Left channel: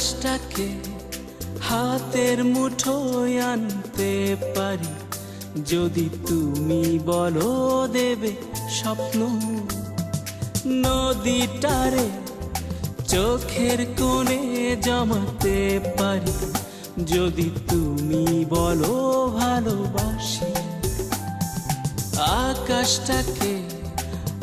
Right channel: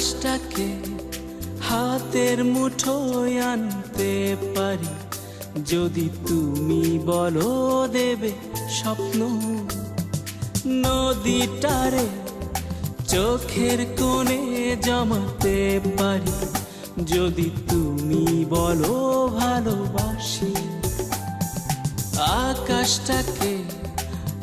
আকাশটাকে হাতের মুঠোয় আনতে পারি। যদি তুমি বলো দেবে স্বপ্ন, নদীটারে চোখের কোণে জমাতে পারি। যদি তুমি বলো ভালোবাসি, আকাশটাকে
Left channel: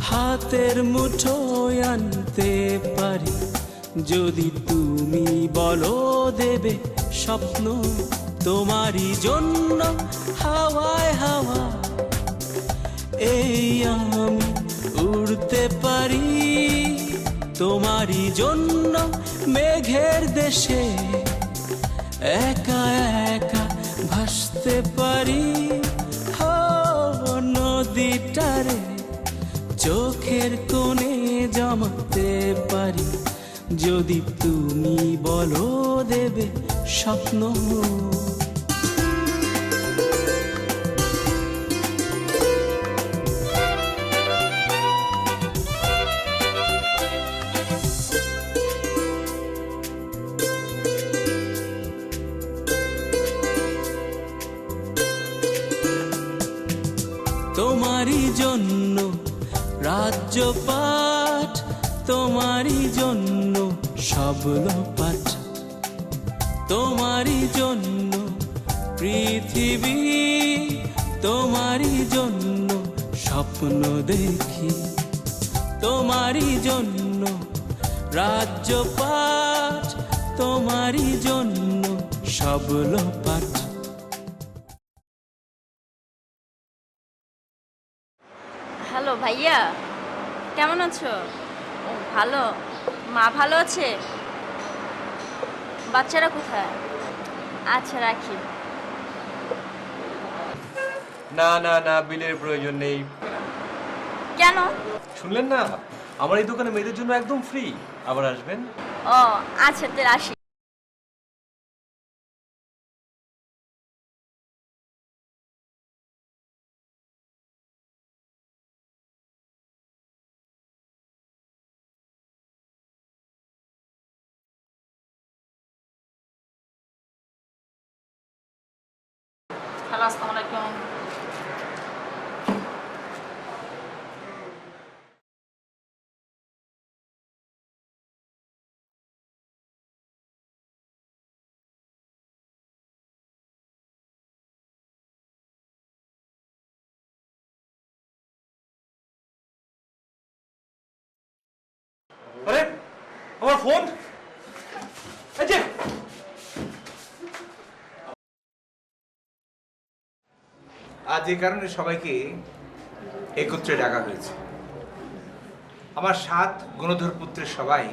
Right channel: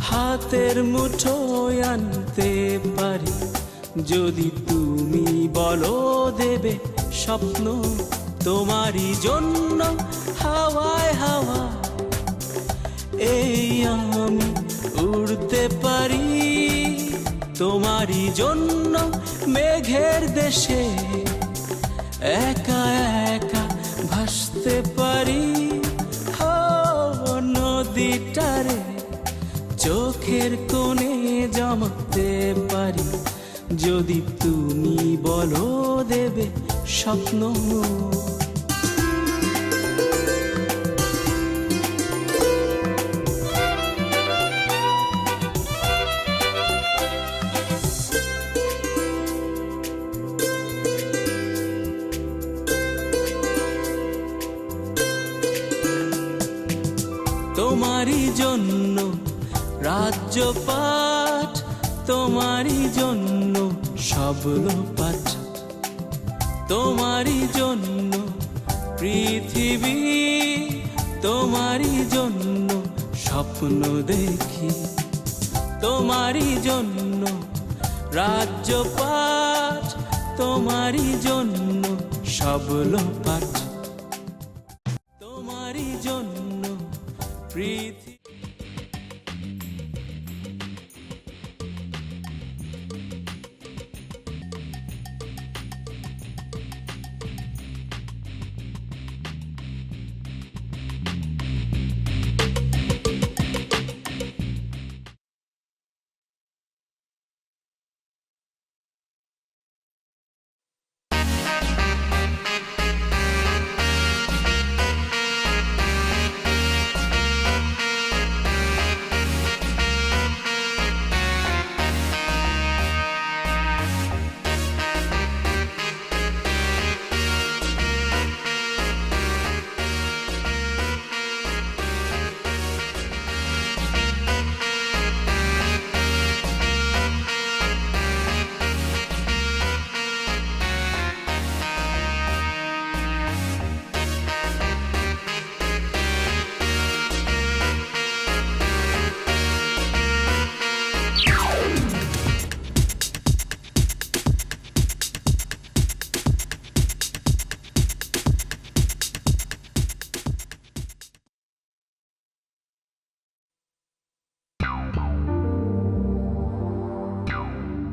হাতের মুঠোয় আনতে পারি। যদি তুমি বলো দেবে স্বপ্ন তোমারই জন্য, হাওয়ায় হাওয়া এই আমি উড়তে পারি। তোমারই জন্য মেঘের দেশে একা একা ভাসতে পারি। নদীটারে চোখের কোণে জমাতে পারি। যদি তুমি বলো দেবে স্বপ্ন। তোমারই জন্য রাজ্যপাঠ তোমারই জন্য সবল পাঠ। তোমারই জন্য পৃথিবী, তোমারই জন্য স্বপ্ন দেখি। তোমারই জন্য রাজ্যপাঠ, তোমারই জন্য সবল পাঠ। তোমারই জন্য হ্যালো ভাইয়া, কেমন আছো? ভালো। মা ভালো আছে? বাচ্চারা কোথায়? আচ্ছা রাখি। না না না বিলের প্রয়োজন নেই। কেন? শুনলেন না? আমার এই দোকানে মেয়েদের জন্য একদম ফ্রি আবার আসবেন? ও আচ্ছা তাহলে আসি। আজ এই কারণে সবাইকে একত্রে ডাকা হয়েছে। আমার সাত গুণধর পুত্রের সবাই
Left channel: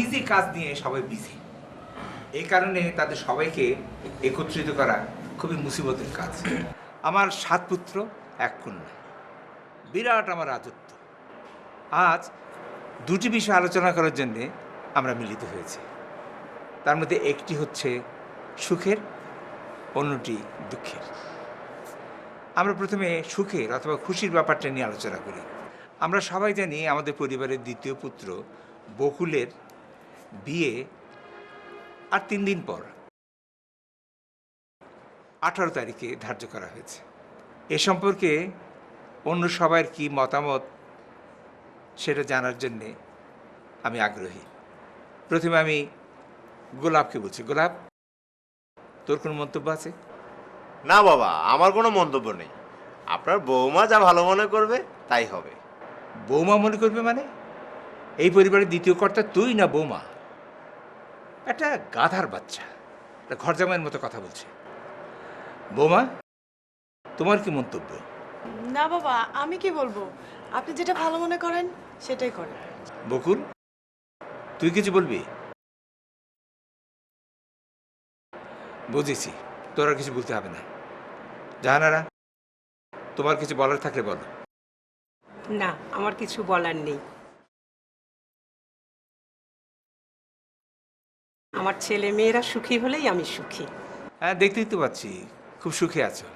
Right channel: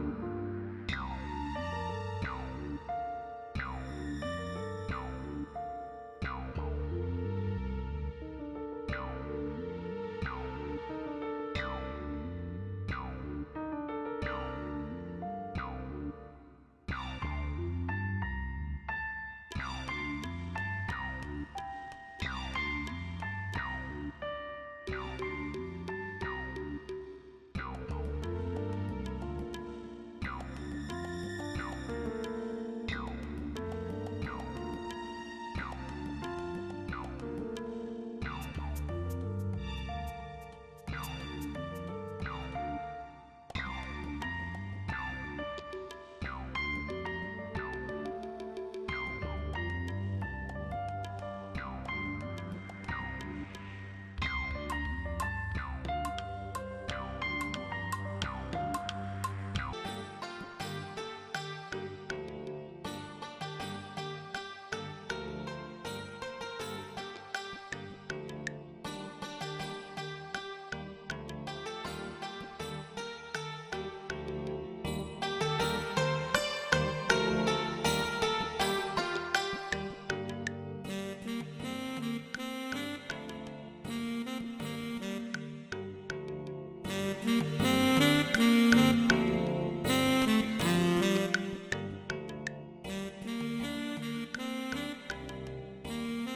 ইজি কাজ নিয়ে সবাই বিজি এই কারণে তাদের সবাইকে একত্রিত করা খুবই মুসিবতের কাজ। আমার সাত পুত্র, এক কন্যা। বিরাট আমার আতুত্য আজ দুটি বিষয় আলোচনা করার জন্য আমরা মিলিত হয়েছি। তার মধ্যে একটি হচ্ছে সুখের, অন্যটি দুঃখের। আমরা প্রথমে সুখের অথবা খুশির ব্যাপারটা নিয়ে আলোচনা করি। আমরা সবাই জানি আমাদের পরিবারের দ্বিতীয় পুত্র বকুলের বিয়ে আর তিন দিন পর। আঠারো তারিখে ধার্য করা হয়েছে। এ সম্পর্কে অন্য সবার কি মতামত সেটা জানার জন্যে আমি আগ্রহী। প্রথমে আমি গোলাপকে বলছি। গোলাপ, তোর কোনো মন্তব্য আছে? না বাবা আমার কোনো মন্তব্য নেই। আপনার বৌমা যা ভালো মনে করবে তাই হবে। বৌমা মনে করবে মানে? এই পরিবারের দ্বিতীয় কর্তা তুই না বৌমা? একটা গাধার বাচ্চা। একটা ঘর জামাইয়ের মতো কথা বলছে। বৌমা তোমার কি মন্তব্য? না বাবা আমি কি বলব? আপনি যেটা ভালো মনে করেন সেটাই করেন। বকুল তুই কিছু বলবি? বুঝেছি। তোরা কিছু বলতে হবে না। জাহানারা তোমার কিছু বলার থাকলে বলো। না আমার কিছু বলার নেই। আমার ছেলে মেয়েরা সুখী হলেই আমি সুখী। হ্যাঁ দেখতেই তো পাচ্ছি। খুব সুখে আছো।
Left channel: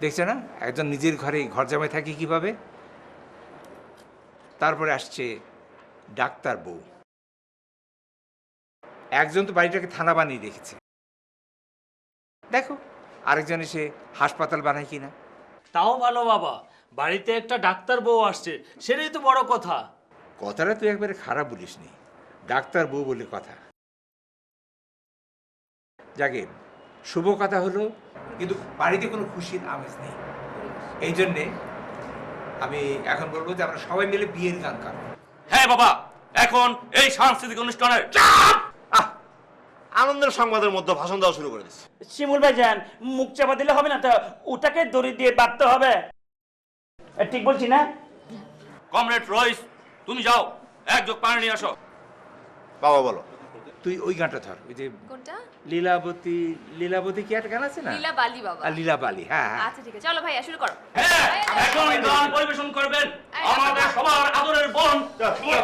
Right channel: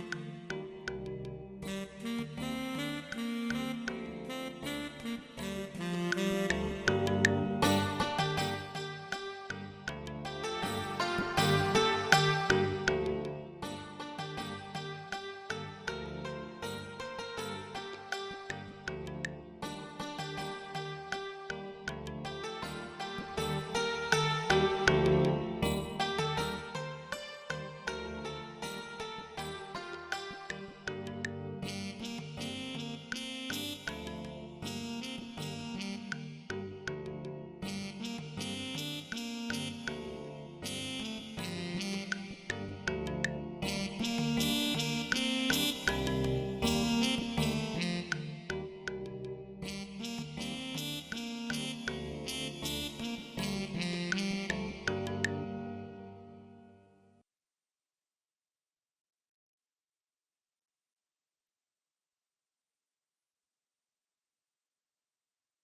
দেখছ না? একজন নিজের ঘরে ঘর জামাই থাকি কীভাবে? তারপরে আসছে ডাক্তার বউ। একজন তো বাড়িটাকে থানা বানিয়ে রেখেছে দেখো আরেকজন এসে হাসপাতাল বানায় কিনা? তাও ভালো বাবা বাড়িতে একটা ডাক্তার বউ আসছে সেটাই তো বড় কথা। কথাটা তুই একবারে খারাপ বলিস নি ডাক্তার বউ বলে কথা। যাকে শুভ কথা হলো কিন্তু বাড়িতে কোনো খুশির আমেজ নেই। এই জন্যে আমি এখন বলব যে আমরা সবাই মিলে বিয়ের গান গাবো। হ্যাঁ বাবা এখন এই সাংস্কৃতিক অনুষ্ঠানের আনন্দের সংবাদের মধ্যে ভাষণ দেওয়া শুরু করেছে। শিমুল ভাই যান মুখ চাপা দিলে হবে না তো? ওটাকে দড়ি দিয়ে বাঁধতে হবে। ঠিক বলছি না? কমরেড রইস তুমি যাও এক যোগ পানি নিয়ে আসো। বাবা বলো। তুই ওই গানটা থাক ওই যে লীলাবতী লীলাবতী কি একটা গান আছে না? লীলা বালি বাবা। আর লীলাবালি হ্যাঁ হ্যাঁ। আচ্ছা ঠিক আছে চলো ভাইয়া শুরু করো। হ্যাঁ এখন গান পরিবেশন করবেন। আমাদের সবার আদরের বোন। হ্যাঁ।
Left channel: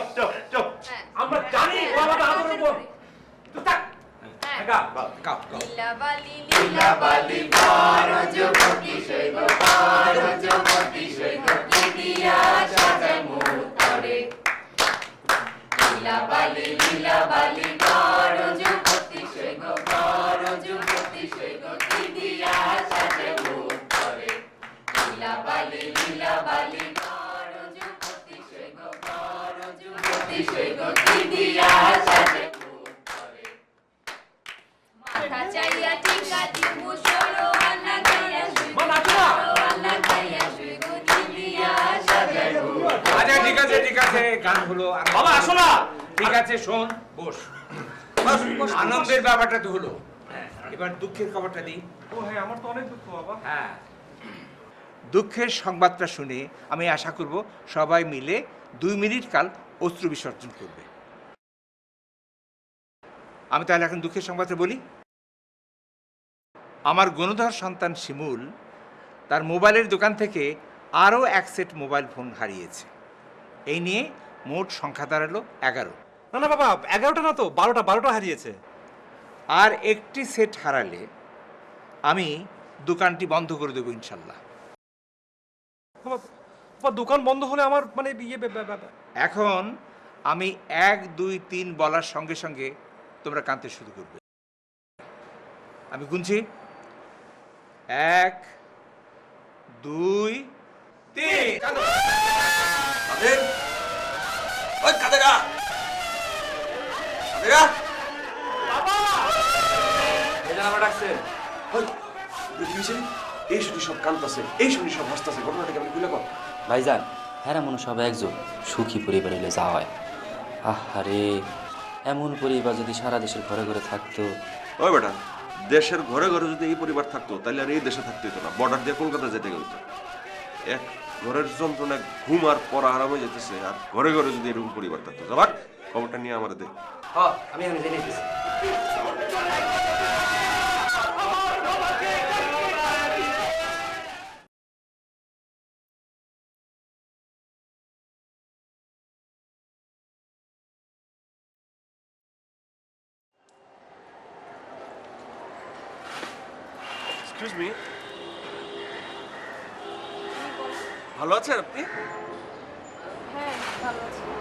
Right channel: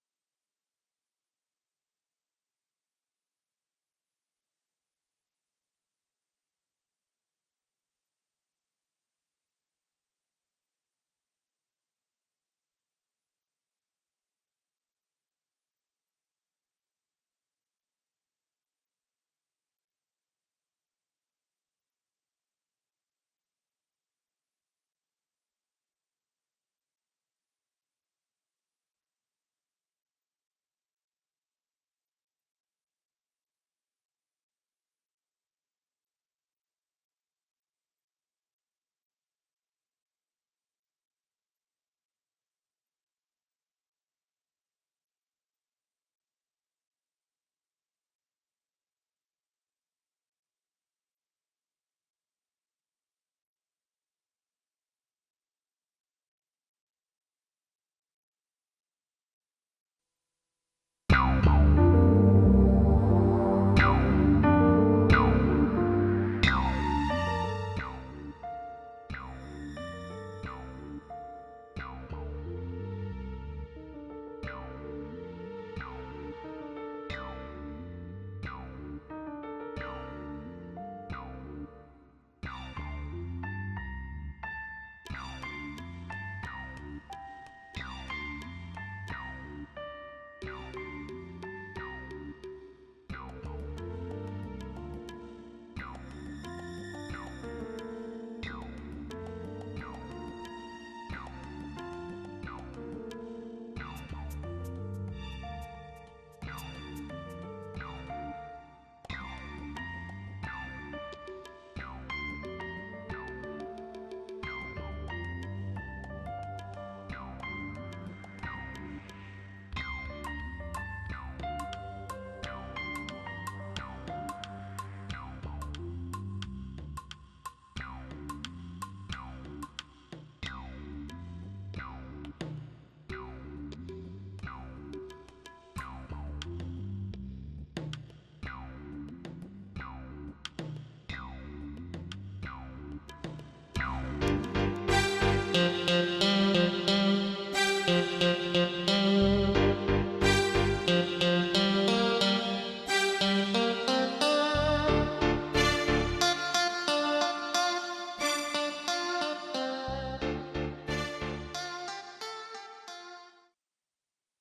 আমরা জানি আমাদের আদরের বোন। হ্যাঁ। গাও গাও লীলা বালি লীলা বালি বড় যুবতী সৈব বড় যুবতী সৈব কি দিয়া সাজায় মোর তরে লীলা বালি লীলা বালি বড় যুবতী সৈব বড় যুবতী সৈব কি দিয়া সাজায় মোর তরে লীলা বালি লীলা বালি বড় যুবতী সৈব বড় যুবতী সৈব কি দিয়া সাজায় মোর তরে মাথা চাইয়া টিকা দিমু সরো আনা গাইয়া শুইবো সরো আনা গাইয়া শুইবো দিদিয়া সাজাইবো আচ্ছা ঠিক আছে ঠিক আছে গান হলো আর- বাবা আসো না। ঠিক আছে শোন বস। আনন্দের ব্যাপারটা তো হলো। এবার দুঃখের খবরটা দিই। ও হ্যাঁ আমার তো অনেক দুঃখ বাবা। হ্যাঁ। দুঃখের সংবাদটা শুনে আমি আশা করব সবাই মিলে দুই মিনিট কাল অস্ত্র বিসর্জন করবে। আমি তাহলে এখন দুঃখের সংবাদটা বলি। আমার গণধর সন্তান শিমুল তার মোবাইলের দোকান থেকে আরও এক সেট মোবাইল ফোন হারিয়েছে। এই নিয়ে মোট সংখ্যা দাঁড়াল এগারো। না না বাবা এগারোটা না তো বারোটা বারোটা হারিয়েছে। আর একটি সেট হারালে আমি দোকানটি বন্ধ করে দেবো ইনশাল্লাহ। দোকান বন্ধ হলে আমার মানে ইয়ে এখন আমি এক দুই তিন বলার সঙ্গে সঙ্গে তোমরা কাঁদতে শুরু করবে। আমি গুনছি। এক দুই তিন। ওই কাদেরা। কাদেরা। এই শুধু সব কান্দতেছে এই শুধু সব হাসতেছে। ঘটনাটাকে আমি ভুলে কর ভাইজান হ্যাঁ মনে সব একজন সুখী পরিবার হলে যাওয়া হয়। আহারে এমন পরিবার যদি সারা দেশের ঘরে ঘরে থাকতো। ওই বেটা দেশের ঘরে ঘরে যদি এই পরিবার থাকতো তাহলে আর এই দেশে থাকতে হতো না। বর্ডার দিয়ে কলকাতা যেতে গেল এক ঘরের যন্ত্রণা ঘুম আর পড়া আরাম হয়ে যেতেছে আর ঘরে ঘরে যদি এরকম পরিবার থাকতো খবরটা নিয়ে আমার দেখ আমি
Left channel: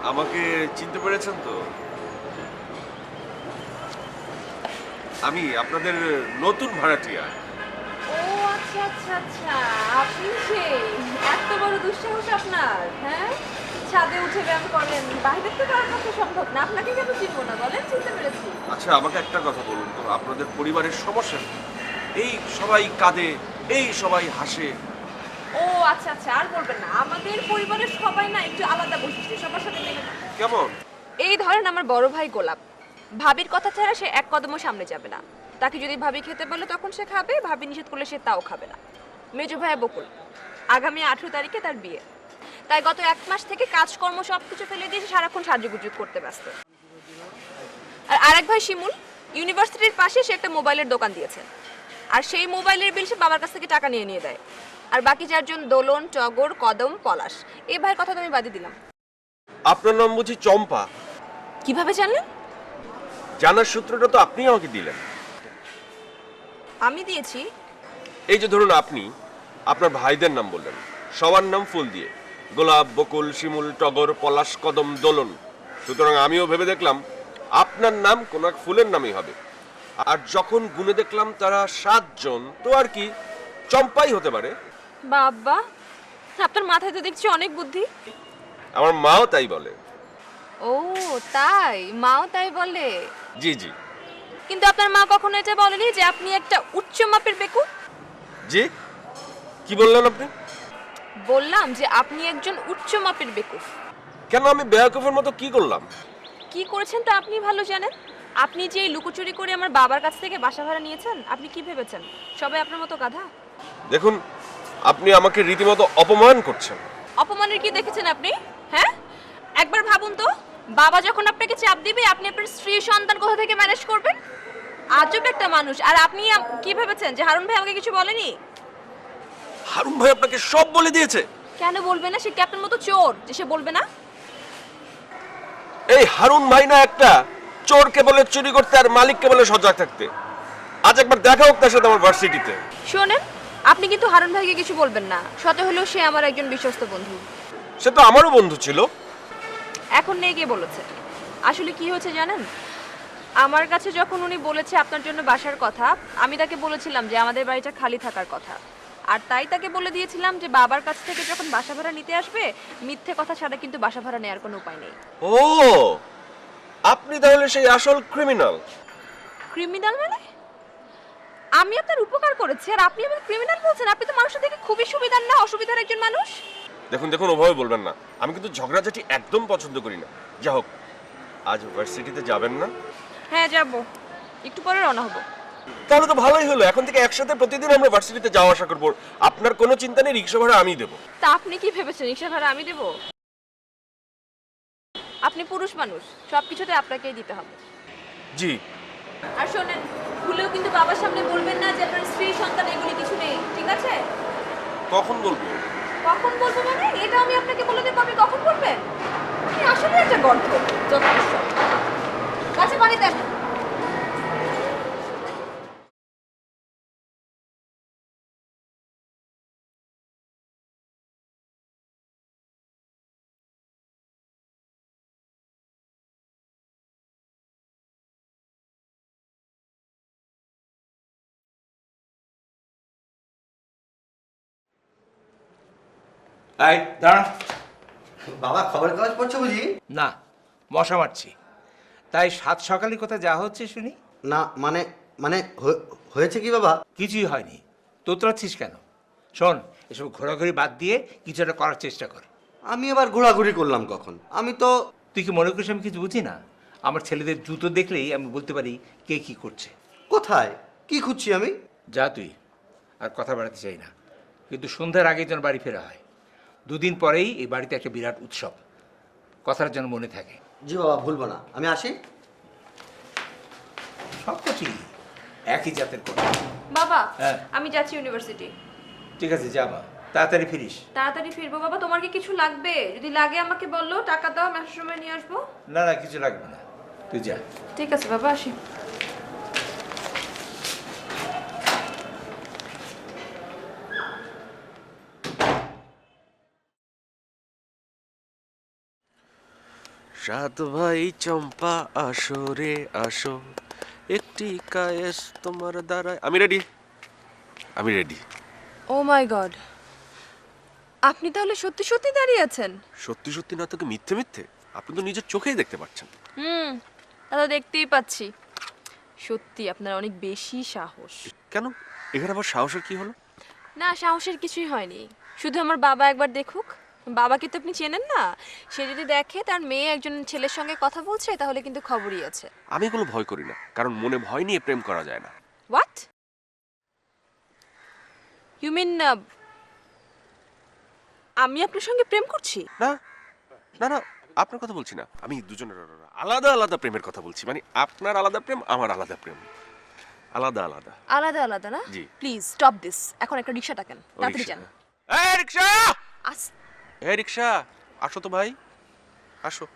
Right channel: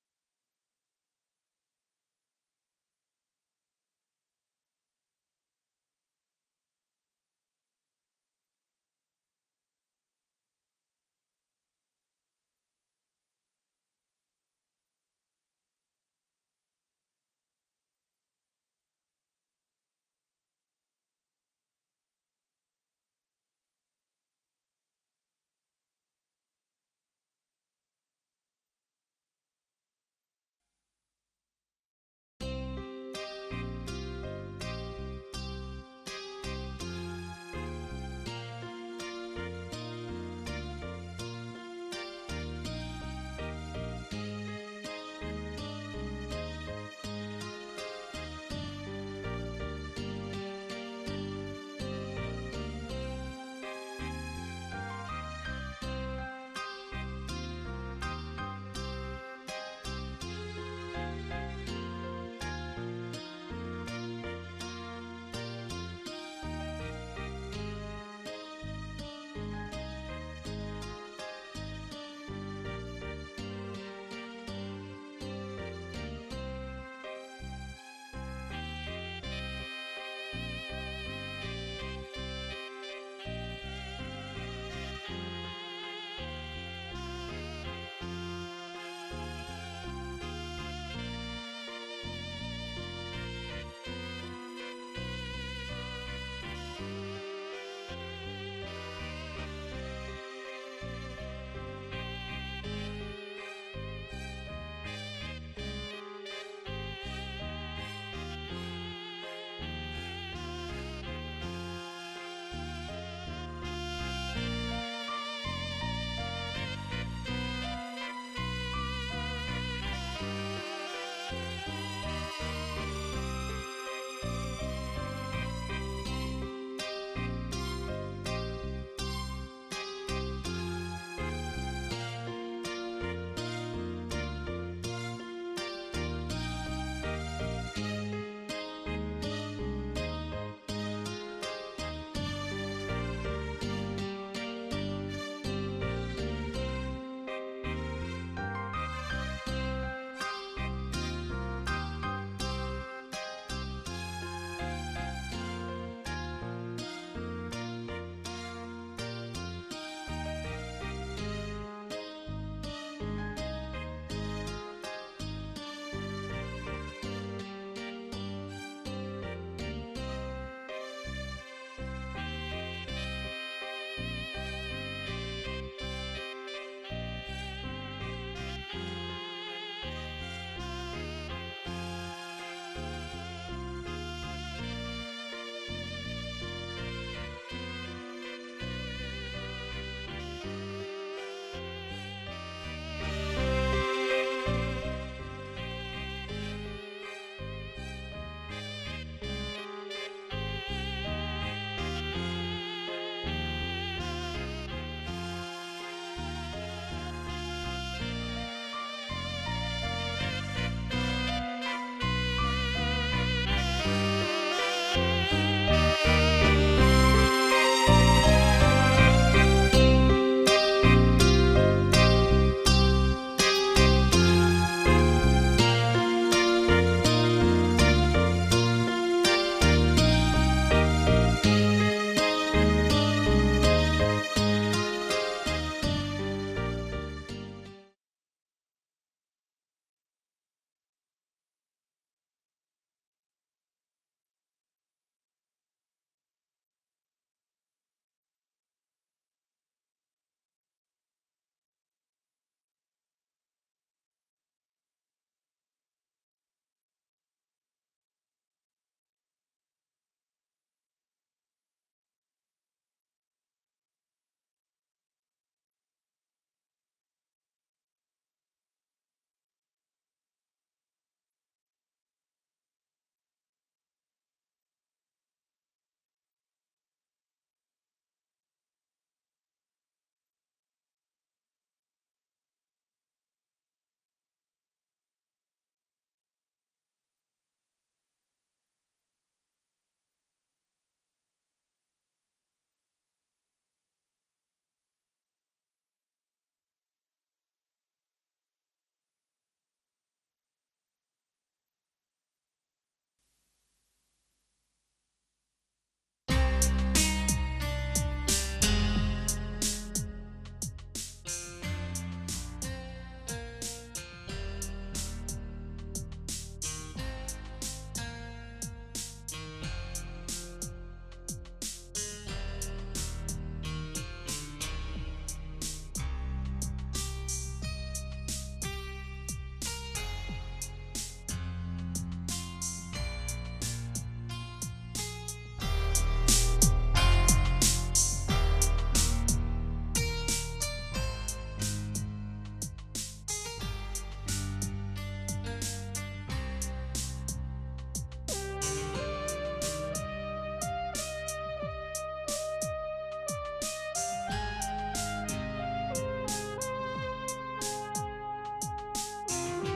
আমাকে চিনতে পেরেছেন তো? আমি আপনাদের নতুন ভাড়াটিয়া। ও আচ্ছা আচ্ছা আচ্ছা। আপনি সেই এত বড় দুঃসাহস আপনার হ্যাঁ? ছাদে উঠে ব্যায়াম করেন বাইরে তো কারোর পক্ষে সম্ভব না? আপনাকে কেন চিনবো না? বলেন চিনতে পেরেছি। আচ্ছা আমাকে একটা কথা বলুন তো আপনাদের পরিবারের সমস্যা কি? এই সবাই কাঁদে এই সবাই হাসে ও আচ্ছা আচ্ছা আর বলবেন না। আমাদের পরিবারের সবাই না একটু আলাদা বৈশিষ্ট্য সবার সাথে মিলে। না। কেমন? এই ধরেন আমার বড় ভাই গোলাপ। ভাবির কথা ছাড়া সে এক কদমও সামনে যাবে না। তাকে যদি ভাবি খেতে বলে তখন সে খাবে ভাবি নিষেধ করলে সে তাও খাবে না। মেজো ভাইয়া বকুল। আগামী আঠেরো তারিখে তার বিয়ে। তাই গত এক মাস থেকে কাজকর্ম সবকিছু ফেলে দিয়ে সারাক্ষণ সাজুগুজু করতে ব্যস্ত। আর আরেক ভাই শিমুল ইউনিভার্সিটির পাশে সে একটা মোবাইলের দোকান দিয়েছে। আর সেই মোবাইলের বিল সে বাবার কাছ থেকে টাকা নিয়ে নিয়ে দেয়। আর বাকি চারজন দোলন টগর কদম পলাশ। এই ভাইয়ের কথা তো আমি বাদই দিলাম। আপনার নাম বুঝি চম্পা? কীভাবে জানলেন? জানার সূত্রটা তো আপনি আমাকে দিলেন। আমি দিয়েছি। এই যে ধরুন আপনি আপনার ভাইদের নাম বললেন। সবার নাম ফুল দিয়ে। গোলাপ বকুল শিমুল টগর পলাশ কদম দোলন। সুতরাং আমিও ভেবে দেখলাম আপনার নাম কোন এক ফুলের নামই হবে। আর যখন গুনে দেখলাম তারা সাতজন তো আর কি চম্পাই হতে পারে। বাবা আপনার মাথায় তো দেখছি অনেক বুদ্ধি। আমার মাও তাই বলে। ও তাই? মাও তাই বলে? জি জি। কিন্তু আপনার মা কখনো এটা বলেনি যে আপনি একটা উচ্চ মাপের বেকুব? জি? কি বললেন আপনি? বললাম যে আপনি একজন উচ্চ মাপের বেকুব। কেন আমি বেয়াকুফের মতো কি করলাম? কি করেছেন তা আপনি ভালো জানেন। আপনি যে এই লুকোচুরি করে আমার বাবার কাছ থেকে বাসা ভাড়া নিয়েছেন আপনি কি ভেবেছেন? সবাই আপনার মতো গাধা? দেখুন আপনি আমাকে রীতিমতো অপমান করছেন। অপমানের কি দেখেছেন আপনি? হ্যাঁ? একবার ভাবুন তো বাবা যখন আপনাকে চাপ দিবে আপনি আপনার স্ত্রী সন্তান কোথা থেকে ম্যানেজ করবেন? আজব একটা মানুষ। আর আপনি কি ভেবেছেন যে হারুন ভাই আমাকে কিছু বলেনি? হারুন ভাই আপনাকে সব বলে দিয়েছে। কেন বলবে না? সে ক্যাপ্টেন মতো চোর যে সে বলবে না? এই হারুন ভাই না একটা চোরকে বলে চুরি করতে আর মালিককে বলে সজাগ থাকতে। আজ একবার দেখা হোক তার সাথে আমার ভার্সিটিতে শোনেন আপনি কিন্তু হারুন ভাইকে কিছু বলবেন না। শত হলেও সে আমার একজন বিশ্বস্ত বন্ধু। সে তো আমারও বন্ধু ছিল। এখন নেই গিয়ে বলেছে? আসলে কি হয়েছে জানেন? আমার কাছে যখন উনি বলেছে আপনার জন্য বাসার কথা আমি তাকে বলেছিলাম যে আমাদের বাড়িটা খালি থাকার কথা। আর তাই তাকে বলে দিয়েছিলাম যে বাবার কাছ থেকে যখন বাসা ভাড়া নিতে আসবে মিথ্যে কথা ছাড়া কিন্তু বাসা ভাড়া নেওয়ার কোনো উপায় নেই। ও! আপনি তাহলে সেই আসল ক্রিমিনাল ক্রিমিনাল মানে? আমি আপনার উপকার করেছি আর আপনি আমার ক্রিমিনাল বলছেন আপনি তো মানুষের থেকে খুবই সুবিধার না অসুবিধার একজন মানুষ? দেখুন দেখুন ওভাবে বলবেন না। আমি কিন্তু ঝগড়াঝাটি একদম পছন্দ করি না। যা হোক আজ ভার্সিটিতে যাবেন না। হ্যাঁ যাব। একটু পরে রওনা হব। তাহলে তো ভালোই হলো। এখন থেকে একসাথে প্রতিদিন আমরা ভার্সিটিতে যাওয়া আসা করব। আপনার কোনো চিন্তা নেই রিক্সা ভাড়া আমি দেবো। তা আপনি কি ভেবেছেন? রিক্সা ভাড়া আমি দেব? আপনি পুরুষ মানুষ সবকিছুতে আপনাকেই দিতে হবে। জি। আর শোনেন ভুলেও কিন্তু বাবার সামনে বলবেন না যে আপনার স্ত্রী সন্তান এগুলি কিছু নেই ঠিক আছে? কখন বলব? কখন বলব মানে? এটা আমি আপনাকে বলে দেবো আপনি কখন বলবেন? আপনি আসলে একটা গল্প যথেষ্ট কাছে বাড়ি দেন এই দাঁড়া। বাবা খবরের কাগজ পড়ছো বুঝি? না মশা মারছি। তাই সাত সকালে কোথায় যা হচ্ছে শুনি? না মানে মানে হয়েছে কি বাবা? কিছুই হয়নি। তোতরাচ্ছিস কেন? শোন এসব ঘোরাঘুরি বাদ দিয়ে কিছু একটা করার চেষ্টা কর। আমি এবার ঘোরাঘুরি করলাম কখন? আমি তো তুই কি মনে করিস আমি কিছু বুঝি না? আমার ছেলেদের জুতো দেখলেই আমি বলতে পারি কে কি করছে। কোথায়? কি খুঁজছি আমি? যা তুই আর কথা বাড়াতে চাই না। কিন্তু সন্ধ্যার আগে যেন বাড়ি ফেরা হয়। দুদিন পরেই এই বাড়িতে একটা বিরাট উৎসব। কথার যেন মনে থাকে। জি বাবা ভুলবো না। আমি আসি? সব কিছুই একই জাতের কথা। বাবা হ্যাঁ। আমি যাচ্ছি ইউনিভার্সিটি। ঠিক আছে যা যাবা তাড়াতাড়ি ফিরিস। তাড়াতাড়ি ফিরবো বাবা তোমার কি কিছু লাগবে? যদি লাগে আমাকে বলল টাকা দাও আমি আসার সময় নিয়ে আসব। না না কিছু লাগবে না। তুই যা। ঠিক আছে বাবা আসি। সাত ভাই চম্পা আসো রে আসো। একটি কায়েস তোমার দ্বারা আমি রেডি আমি রেডি ও মাই গড আপনি তাহলে সত্যি সত্যি দাঁড়িয়ে আছেন? সত্যি সত্যি না তোকে মিথ্যে মিথ্যে? আপনি তো নিজের চোখেই দেখতে পাচ্ছেন। হুম তা তো দেখতেই পাচ্ছি। সত্যি আপনার অনেক বেশি সাহস। কেন? এখানে আবার সাহসের কি হলো? না সাহসের কিছুই হয়নি। শুধু আমার বাবা একবার দেখুক। বাবাকে তো আপনি চেনেন না। সে যদি দেখে তার মেয়ে একজন ছেলের সঙ্গে কথা বলছে তাহলে কিন্তু খবরই আছে। আমি এগুলো ভয় করি না কারণ মনে ভয় নিয়ে প্রেম করা যায় না। হোয়াট ইউ মিন আমি আপনার সঙ্গে প্রেম করছি? না না না আপনার কথা বলছি না। আমি দুজনের আলাদা আলাদা প্রেমের কথা বলছি। মানে আপনার আলাদা প্রেম আমার আলাদা প্রেম। আলাদা আলাদা। আলাদা আলাদা না? জি। প্লিজ স্টপ দিস এখন একটা রিক্সা থাকেন তাড়াতাড়ি রিকশা। যান। এই রিক্সা আস- এ রিক্সা আসো তো ভাই। আসো।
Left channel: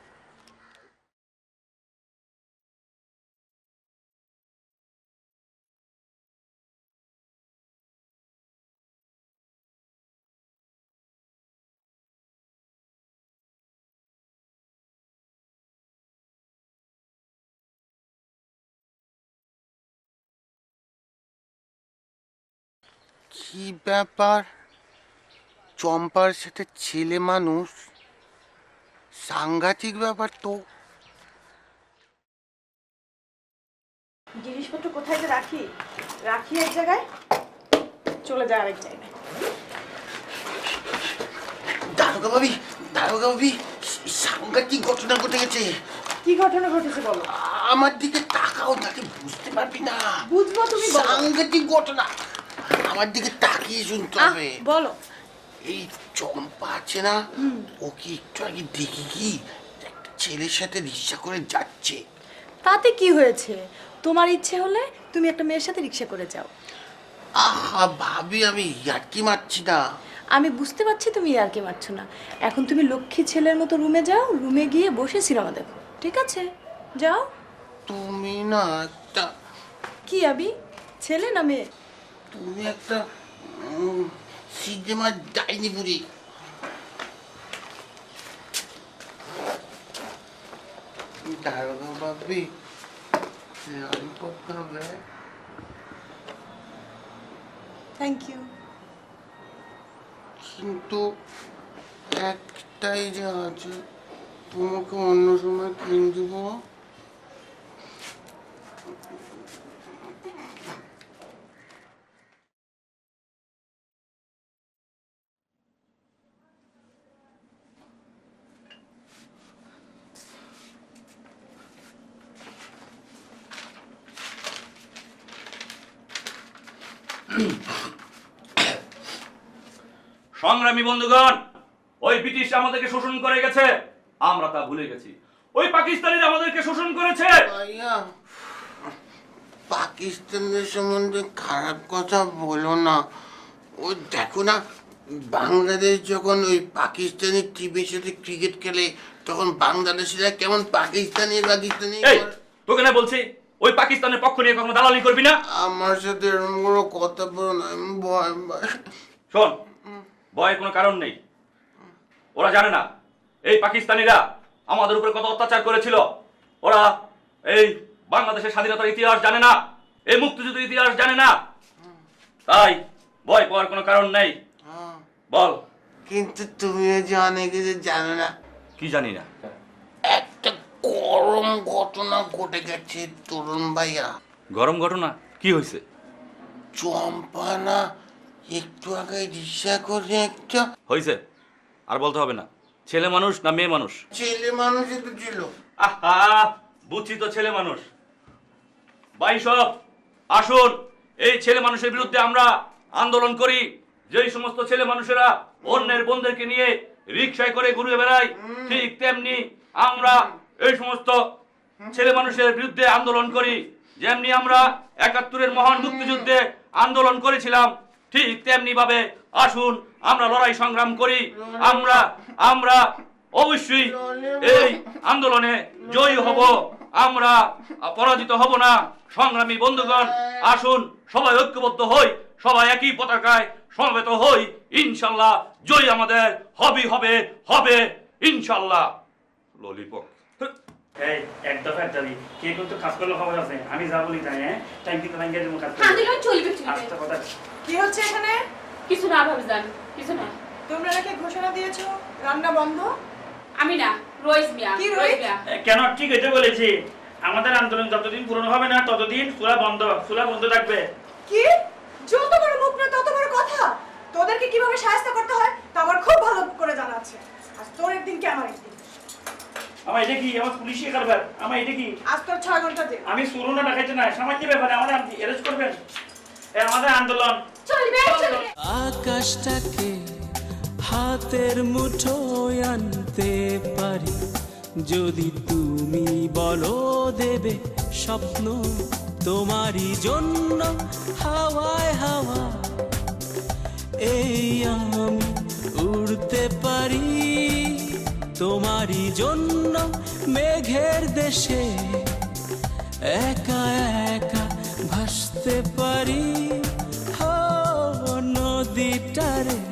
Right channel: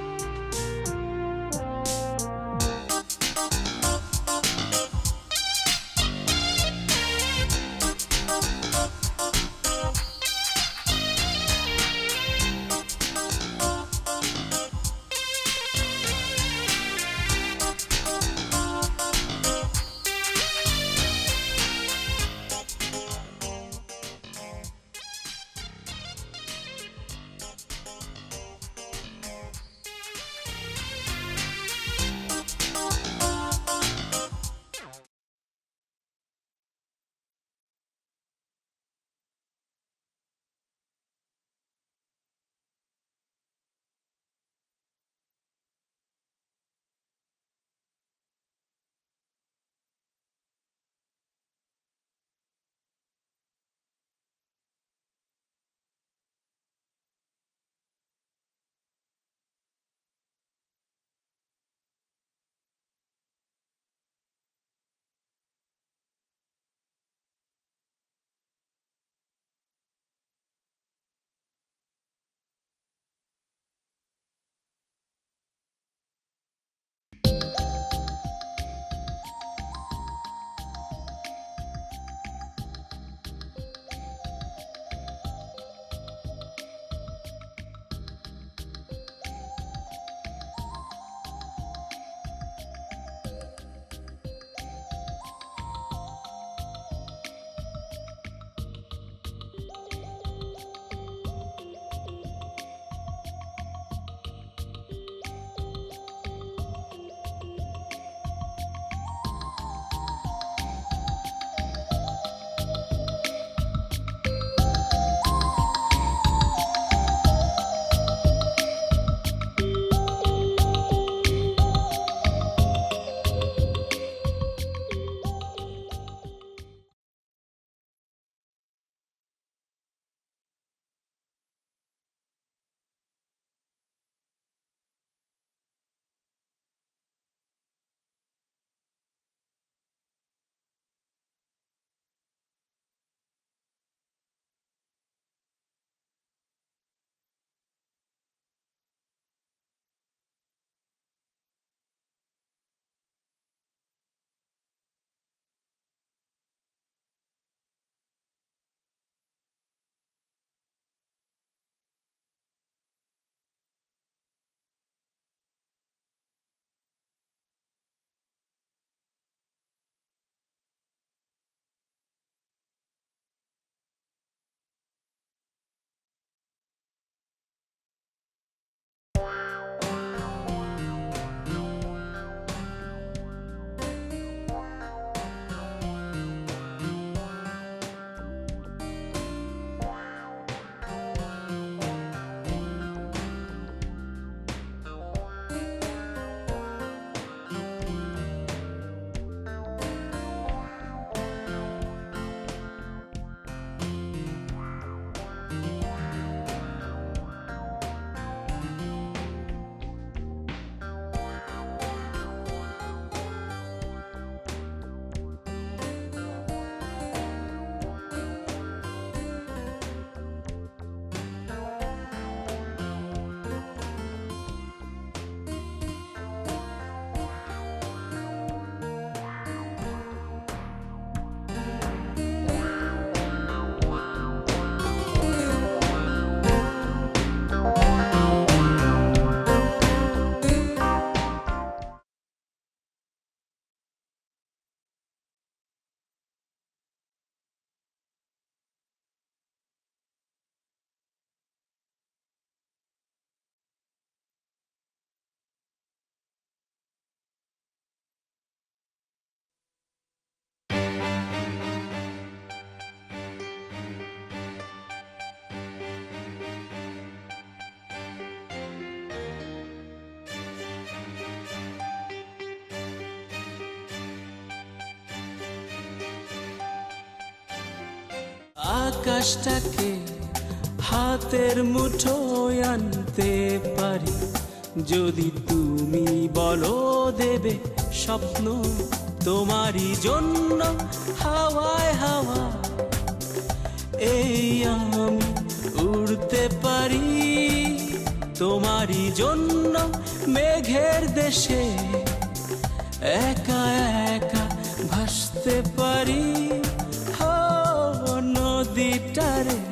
ব্যাপার? চম্পার সাথে ছেলে মানুষ। সাংঘাতিক ব্যাপার তো। জিনিসপত্র কোথায় যে রাখি? রাখি এক জায়গায় চলে যায় আরেক জায়গায়। দারোগা দারোগা সাংঘাতিক ঘটনা ঘটে গেছে। কি ঘটনা ঘটেছে বলো? আমার দিকে তাকাও তাকে বুঝতে পারবি না। বুঝব তুমি সাংঘাতিক ঘটনা। আমার দিকে তাকিয়ে শুনতে হবে। বলো। এই চম্পা আছে না? ওকে একটু আগে দেখি কি? একটা ছেলের সাথে রিক্সা করে যাচ্ছে। তাতে কি হয়েছে? তোমার ইচ্ছে হলে তুমি একটা মেয়ের সাথে রিক্সা করে যাও। আহা ভাবি আমি ইয়ার্কি মারছি না। আমি বুঝতে পারছি তুমি আর কি মারছো না। এখন তুমি লক্ষ্মী ছেলের মতো রুমে যাও রুমে গিয়ে বসে সিনেমা দেখো। ঠিক আছে? যাও। তুমি না একটা কি আবি? ছেলে না মেয়ে? তুমি একটা উম, সিনেমার ডাইনি বুড়ি। দারোগা খাবে থ্যাংক ইউ কিন্তু একটাই যে আছে তোমাকে অন্য সময় কিনে দেবো। সংগ্রামী বন্ধুগণ ওই ব্রিটিশ আমাদেরকে শোষণ করে গেছে আমরা তা ভুলে গেছি। ওই পাকিস্তানিরা আমাদেরকে শোষণ করেছে। পাকিস্তানের সম্বন্ধে খারাপ কথা বলো না। ও দেখো না বাংলাদেশ যখন ওই পাকিস্তানি টিমের সাথে ক্রিকেট খেলে তখন বাংলাদেশিরা কেমন পাকিস্তানি পাকিস্তানি তোকে না বলছি ওই পাকিস্তানের পক্ষ নিয়ে কখনো দালালি করবি না? আমার সাথে এরকম কোনো কথা বলো না আমি ভয় শোন ভয়ের কোনো কারণ নেই। ওরা জানে না এই পাকিস্তানিরা আমাদের উপরে কত অত্যাচার করেছিল। ওরা এই বাংলাদেশের স্বাধীনতার ইতিহাস জানে না এই মুক্তিযুদ্ধের ইতিহাস জানে না। তাই ভয় পাওয়ার কোনো কারণ নেই। বল। কিন্তু তুমিও যে অনেক কিছু জানো না। কি জানি না। একটা গরম ঘটনা ঘটে গেছে তরুণ ভাইয়া। গরম ঘটনা? কি হয়েছে? চম্পা না একটু আগে রিক্সা করে একটা হয়েছে আর বলতে হবে না। ছেলে মানুষ না মেয়ে মানুষ? ছেলে মানুষই তো ছিল। আহা বুঝছি তো ছেলে মানুষ। ভাই সব আসুন। এই ছেলে মানুষের বিরুদ্ধে আমরা আন্দোলন করি। যেই সমস্ত ছেলে মানুষেরা অন্যের বন্ধুদেরকে নিয়ে রিক্সায় করে ঘুরে বেড়ায় ঠিক তেমনি আমরা এই সমস্ত ছেলে মানুষের বিরুদ্ধে আন্দোলন করি। যেমনি আমরা একাত্তরের মহান মুক্তিযুদ্ধে আন্দোলন করেছিলাম ঠিক তেমনি ভাবে আসুন, আমরা লড়াই সংগ্রাম করি। আমরা আমরা অবশ্যই এই আন্দোলনে জয়ী হব। আমরা পরাজিত হব না। সংগ্রামী বন্ধুগণ, আসুন, সবাই ঐক্যবদ্ধ হই। সবাই একই পতাকায় সমবেত হই। ইনশাল্লাহ, জয় আমাদের। হবে হবে হবে। ইনশাল্লাহ। কে কিন্তু কাজ করলে খবর আছে। আমি যা বলি তাই হ্যাঁ টাইম কিন্তু ভাঙ্গে দেবো কাজ চলবে আস্তে কথা কি হচ্ছে এখানে? কিছু না ভাবিজান কিছু না। তোমরা নাকি ঘোষণা দিয়েছ রান্না বন্ধ? আমি না রোজ মিয়া কি রোজ রোজ? মিয়া। কেন? ঠিক হইতে বলেছি। আমাদের আন্দোলন যতদিন পূরণ হবে না ততদিন চুলা বন্ধ চুলা বন্ধ থাকবে। কি? যত বড় মুখ না তত বড় কথা। তোদেরকে কীভাবে সাহায্য করতে আমার এটা কি আমার পুলিশি কারবার আমার এটা কি? আজ তোর ছয় ঘণ্টা যে আমি শুরু না দেখাইতে না সামাজিক ব্যাপারে? আমাদের অ্যারেস্ট করবেন এ, আমাদের আন্দোলন। চলবে চলবে। আকাশটাকে হাতের মুঠোয় আনতে পারি। যদি তুমি বলো দেবে স্বপ্ন তোমারই জন্য হাওয়ায় হাওয়া এই আমি উড়তে পারি। তোমারই জন্য মেঘের দেশে একা একা ভাসতে পারি। হো নদীটারে